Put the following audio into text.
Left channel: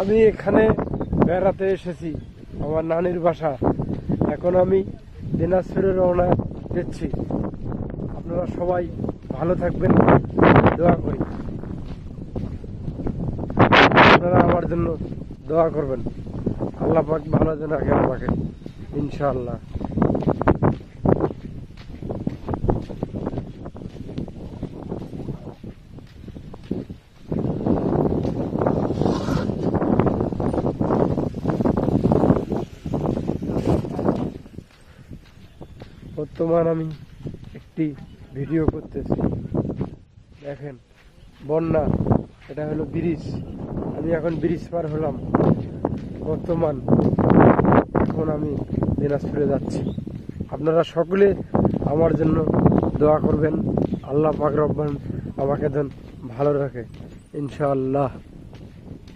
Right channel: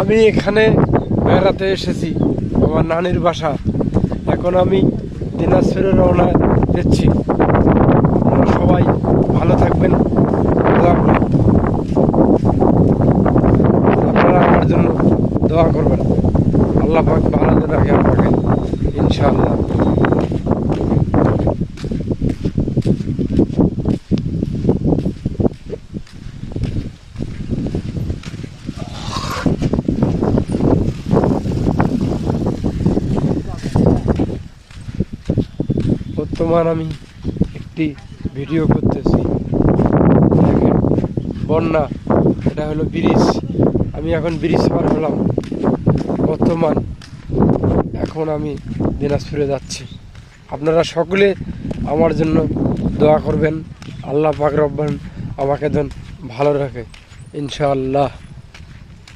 আমি এখানে বেড়াতে এসেছি আমার নানির বাসা। এখন আমি দিনাজপুরে রওনা দিচ্ছি। আপনারা সবাই ভালো থাকবেন, দোয়া করবেন। আপনারা আমার জন্য দোয়া করবেন, আল্লাহ পাক ভালো রাখে আমাকে ইনশাআল্লাহ। বর্তমান আমি একটি ভিডিও করতেছি। দেখেন বন্যা, এটা হলো ব্রিজ। আমি এখন ব্রিজ পার হলাম বর্তমান। এখন আমি দিনাজপুরে যাচ্ছি। আপনারা সকলে আমার জন্য দোয়া করবেন, আল্লাহ পাক রব্বান আমাকে যেন ভালো রাখে ইনশাআল্লাহ।